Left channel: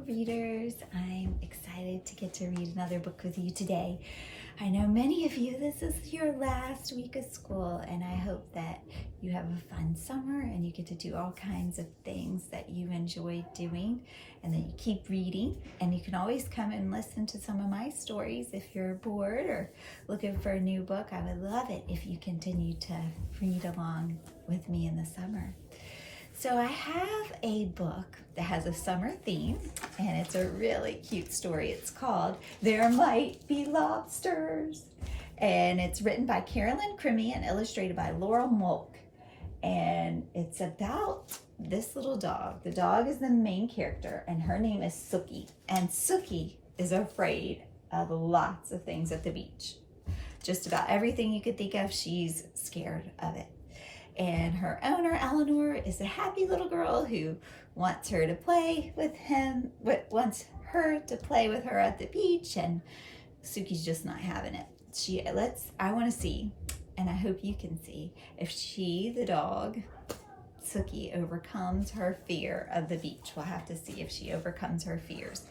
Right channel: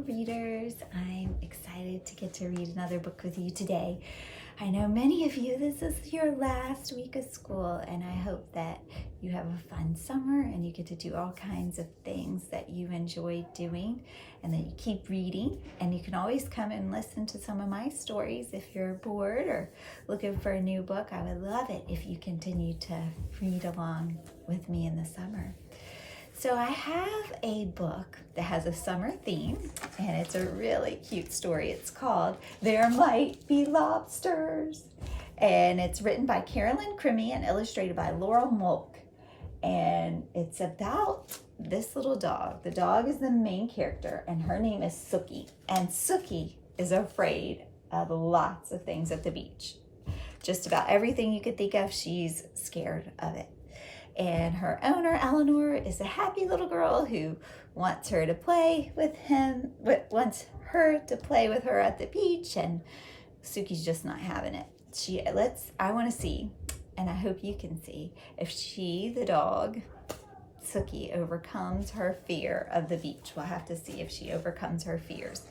Hello readers, I'm excited to get to read another book with you today. I know many of you, this is your last week of school, and I hope that you have a fun summer and you get to do all kinds of things that you enjoy doing, and that you keep reading. And you can always come and listen to some of my stories if you're bored or looking for a new book. I would love it if you continue to read along with me in the summer. So I have a book that has a summer theme, and it's a really cute story. It's called There Might Be Lobsters, and it's written by Carolyn Crimmy and illustrated by Laurel Molk. And it's about this little dog. The dog is the main character, and her name is Sookie. And Sookie is afraid of lots of things at the beach. Just about everything you could think of, she's scared of it. And her owner, Eleanor, is a happy little girl who wants her to play with her at the beach, and Sookie's just not having it. I want to see, and I hope you can see, if she, the dog, Sookie, overcomes her fear of the beach. We'll have to see if she overcomes her fears.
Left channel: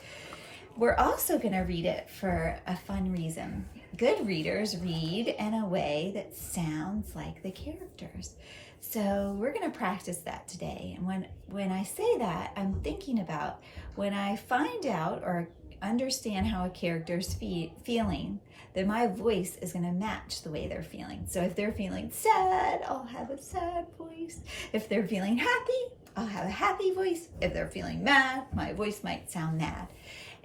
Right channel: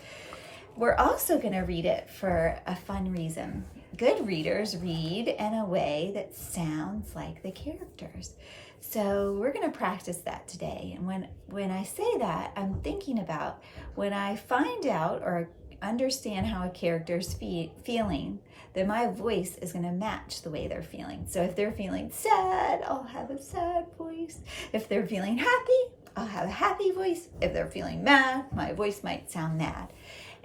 We're also going to read it for a fun reason. Good readers read in a way that sounds like the characters. So we're going to practice that today. And when I say that, I'm thinking about when I find out or understand how a character's feeling, then my voice is going to match the way they're feeling. So if they're feeling sad, I'll have a sad voice. If they're feeling happy, I'll have a happy voice. If they're feeling mad, my voice might sound mad.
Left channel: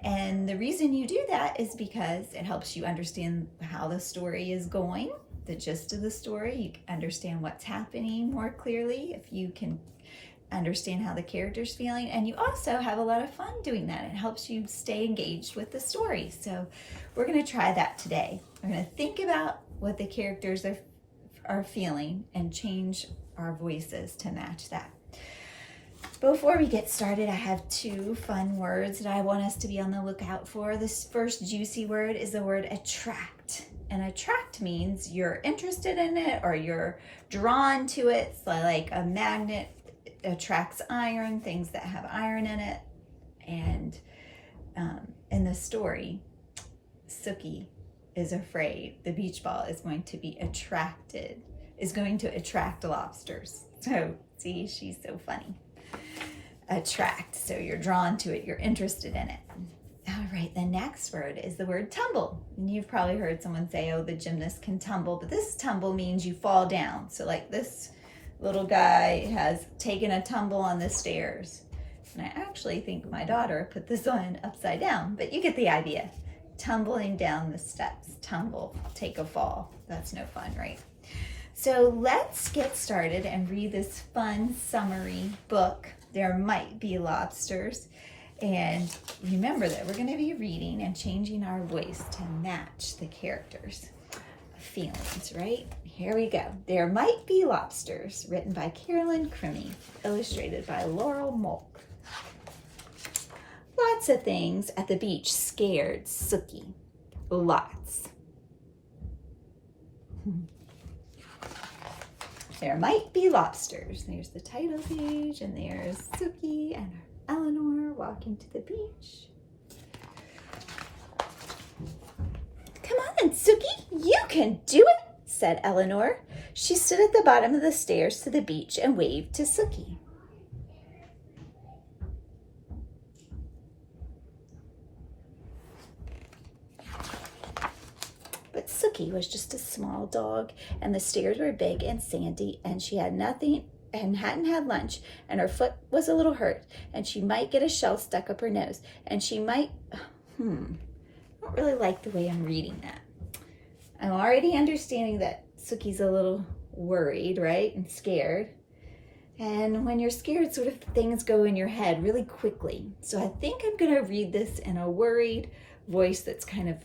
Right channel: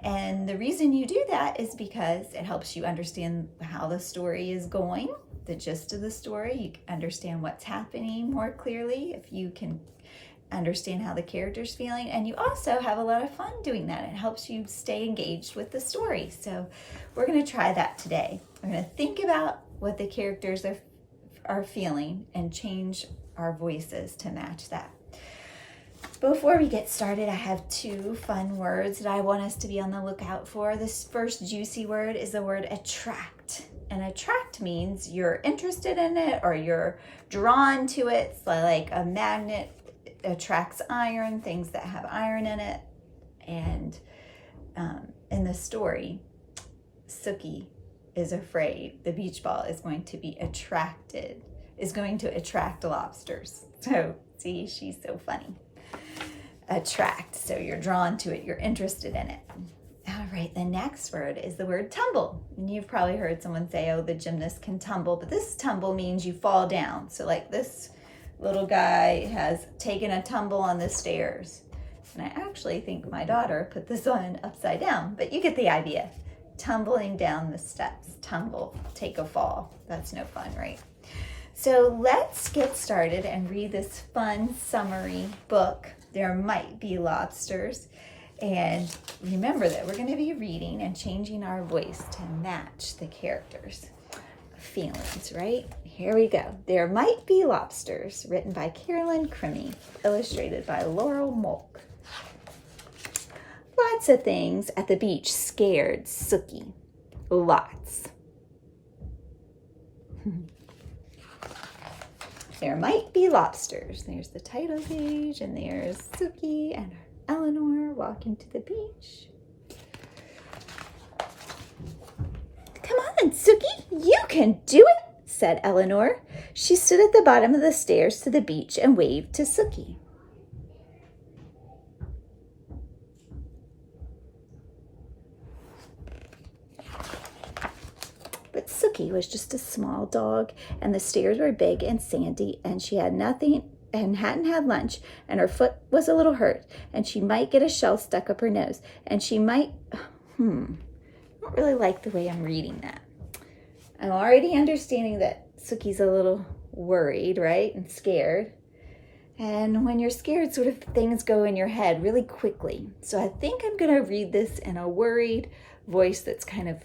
And the reason you do that is because it helps you understand how the story is going, the gist of the story. You understand what's happening more clearly if you can understand how the character's feeling. And you also have a lot of fun doing that. It helps you stay engaged with the story. So we're going to try that today. We're going to think about what the characters are feeling and change our voices to match that. Before we get started, I have two fun words that I want us to be on the lookout for. This first juicy word is the word attract. And attract means you're interested in it or you're drawn to it. It's like a magnet attracts iron, things that have iron in it. And in the story, Sookie is afraid the beach ball is going to attract lobsters. So see, she's so funny. Attract, so you're drawn to it, you're interested in it. All right, the next word is the word tumble. And you've probably heard someone say, oh, the gymnast can tumble, but this tumble means you fall down. So like this little guy has taken a tumble on the stairs. And I actually think my daughter put this on upside down, but you get the idea. Tumbling down the steps, tumble, take a fall. That's no fun, right? So let's get started and read this fun summary book, There Might Be Lobsters. And remember that we're going to be reading and changing our voice to match the characters' feelings, right? Here we go. There Might Be Lobsters, written by Carolyn Crimmy, illustrated by Laurel Molk. Lots of things at the beach scared Sookie. Lots. There might be lobsters. There's the title page, and there's Sookie and Eleanor walking to the beach. Come on, Sookie, you can do it, said Eleanor. She stood at the bottom of the stairs to the beach and waved to Sookie. But Sookie was just a small dog, and the stairs were big and sandy, and she had nothing and hadn't had lunch, and her foot was a little hurt, and she might get a shell stuck up her nose, and she might, I don't really like the way I'm reading that. I'm already understanding that Sookie's a little worried, right, and scared. And when you're scared, sort of things go in your head really quickly. So I think I'm going to read this in a worried voice that's kind of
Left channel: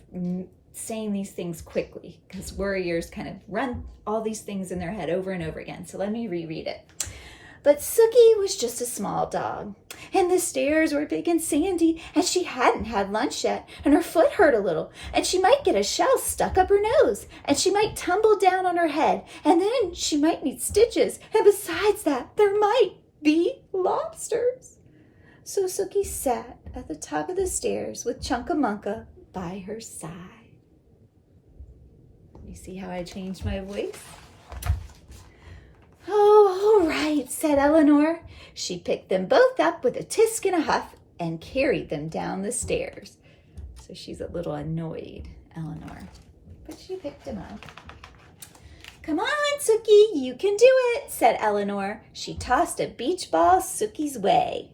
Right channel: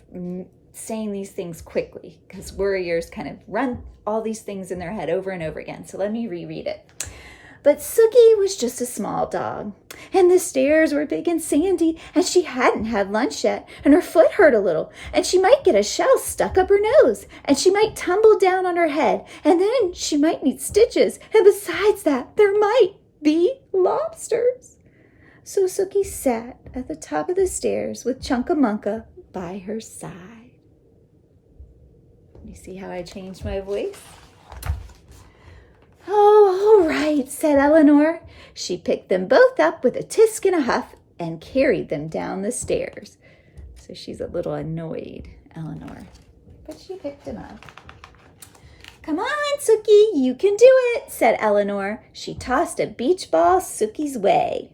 saying these things quickly, because worriers kind of run all these things in their head over and over again. So let me reread it. But Sookie was just a small dog, and the stairs were big and sandy, and she hadn't had lunch yet, and her foot hurt a little, and she might get a shell stuck up her nose, and she might tumble down on her head, and then she might need stitches, and besides that, there might be lobsters. So Sookie sat at the top of the stairs with Chunkamunka by her side. You see how I changed my voice? Oh, all right, said Eleanor. She picked them both up with a tisk and a huff and carried them down the stairs. So she's a little annoyed, Eleanor, but she picked them up. Come on, Sookie, you can do it, said Eleanor. She tossed a beach ball Sookie's way.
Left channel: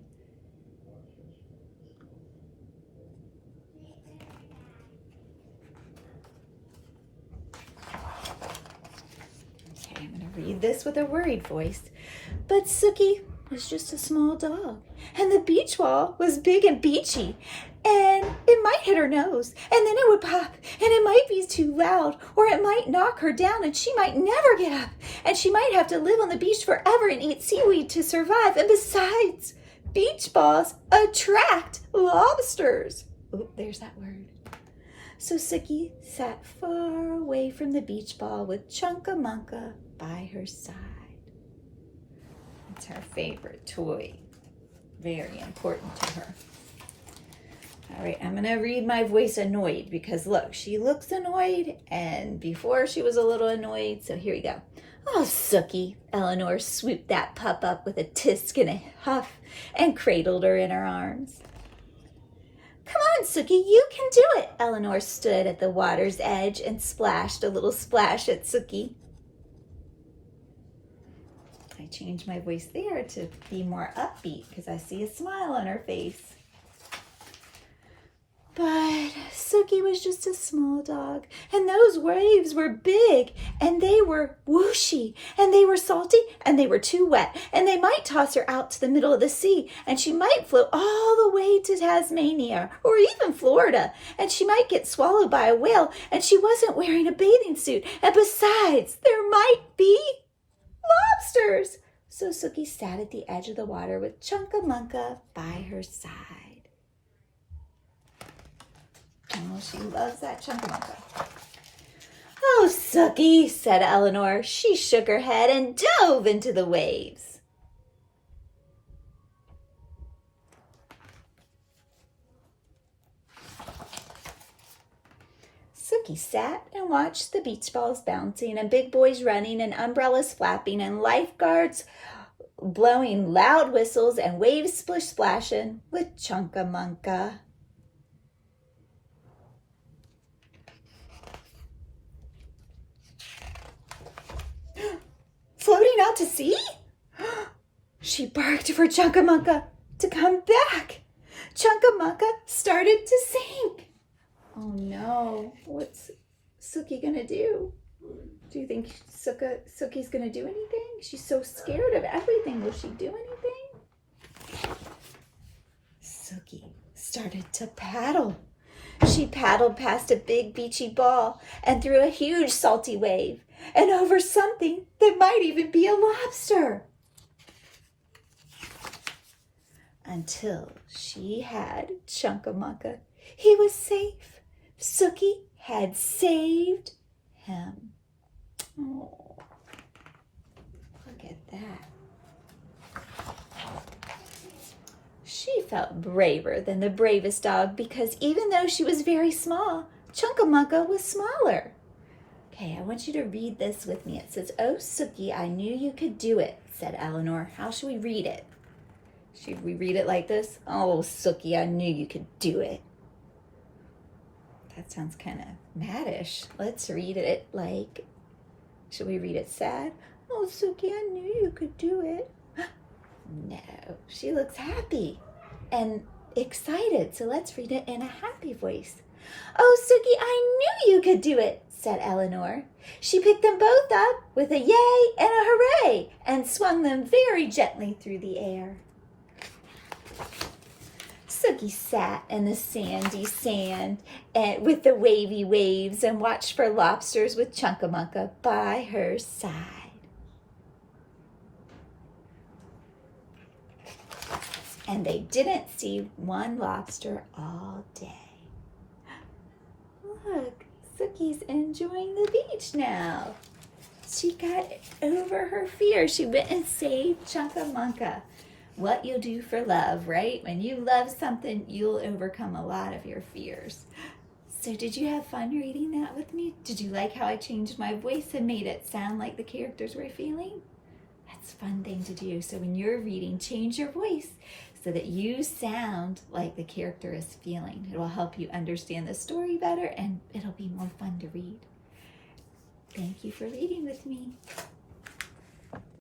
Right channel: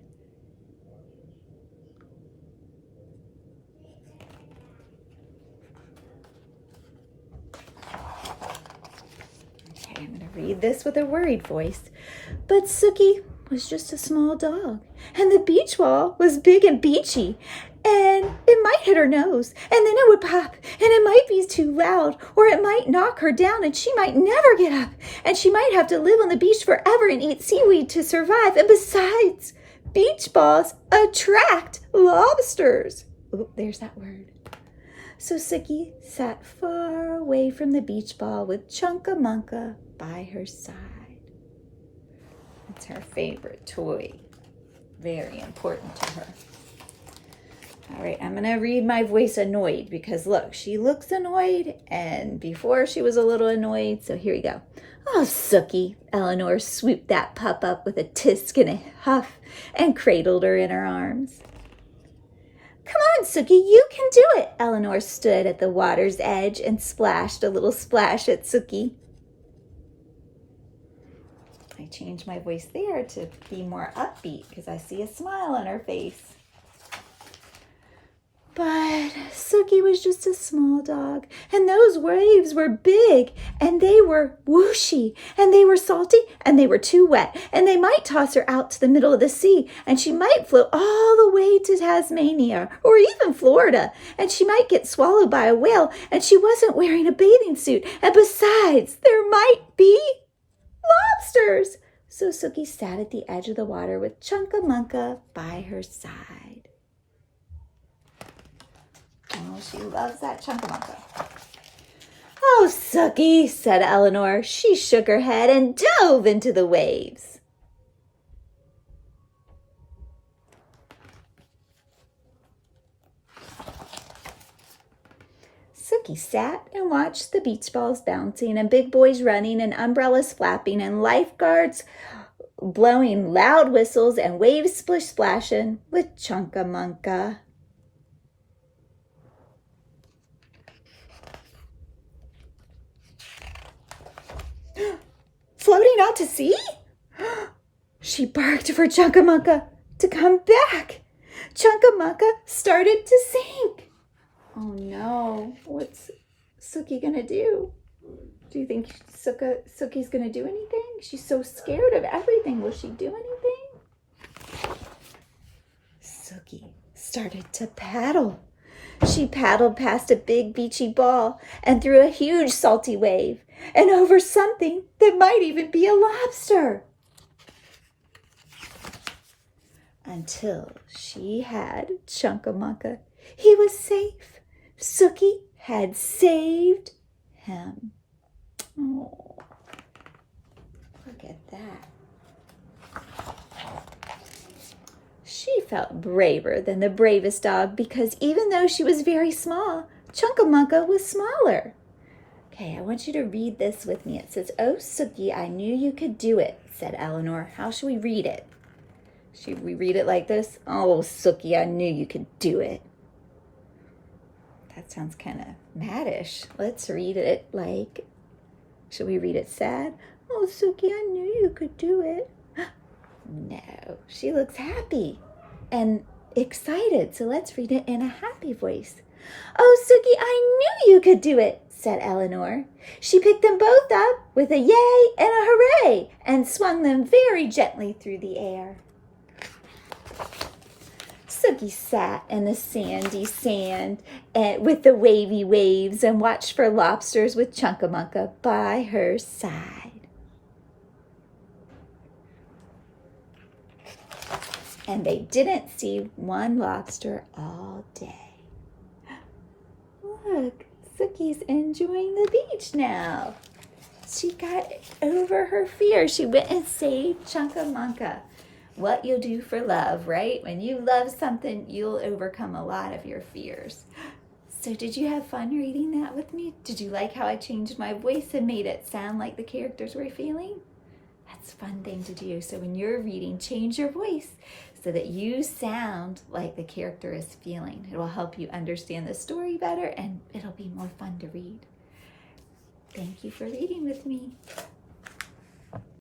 Okay, I'm going to read this with a worried voice. But Sookie was just a small dog, and the beach ball was big and beachy, and it might hit her nose, and then it would pop, and it might be too loud, or it might knock her down, and she might never get up, and she might have to live on the beach forever and eat seaweed to survive. And besides, beach balls attract lobsters. Oop, there's that word. So Sookie sat far away from the beach ball with Chunkamunka by her side. It's her favorite toy. Very important to her. All right, I'm going to read my voice annoyed because, look, she looks annoyed, and before she was a little annoyed, so here we go. Oh, Sookie, Eleanor swooped that pup up with a tisk and a huff and cradled her in her arms. Come on, Sookie, you can do it. Eleanor stood at the water's edge and splashed a little splash at Sookie. I changed my voice there to be more upbeat because I see a smile on her face. But Sookie was just a small dog, and those waves were big, and they were whooshy, and they were salty, and they were too wet, and they might toss her out to the middle of the sea, and she might float all the way to Tasmania, or even Florida, and she might get swallowed by a whale, and she wasn't wearing a bathing suit, and besides, there might be lobsters. So Sookie sat at the edge of the water with Chunkamunka by her side. Oh, she loves that Chunkamunka. Oh, Sookie, said Eleanor. She shook her head and dove into the waves. Sookie sat and watched the beach balls bouncing and big boys running and umbrellas flapping and lifeguards blowing loud whistles and waves splish-splashing with Chunkamunka. Floating out to sea? She barked for Chunkamunka to come back. Chunkamunka started to sink. Oh no, what's Sookie gonna do? Do you think Sookie's gonna do anything? She's so scared of everything. Will she do anything? Sookie started to paddle. She paddled past a big beachy ball and through a huge salty wave and over something that might even be a lobster. Until she had Chunkamunka. He was safe. Sookie had saved him. Oh, look at that. She felt braver than the bravest dog because even though she was very small, Chunkamunka was smaller. Okay, I want you to read this with me. It says, "Oh, Sookie, I knew you could do it," said Eleanor. How should we read it? Should we read it like this? "Oh, Sookie, I knew you could do it." That sounds kind of maddish. Let's read it like, should we read it sad? "Oh, Sookie, I knew you could do it." No, she looks happy and excited, so let's read it in a happy voice. "Oh, Sookie, I knew you could do it," said Eleanor. She picked them both up with a yay and a hooray and swung them very gently through the air. Sookie sat in the sandy sand with the wavy waves and watched for lobsters with Chunkamunka by her side. And they didn't see one lobster all day. Look, Sookie's enjoying the beach now. She got over her fear. She went and saved Chunkamunka. what you'll do for love, right? When you love something, you'll overcome a lot of your fears. So did you have fun reading that with me? Did you like how I changed my voice and made it sound like the characters were feeling? That's a fun thing to do. So when you're reading, change your voice so that you sound like the character is feeling. It will help you understand the story better, and it'll be more fun to read. Thank you for reading with me.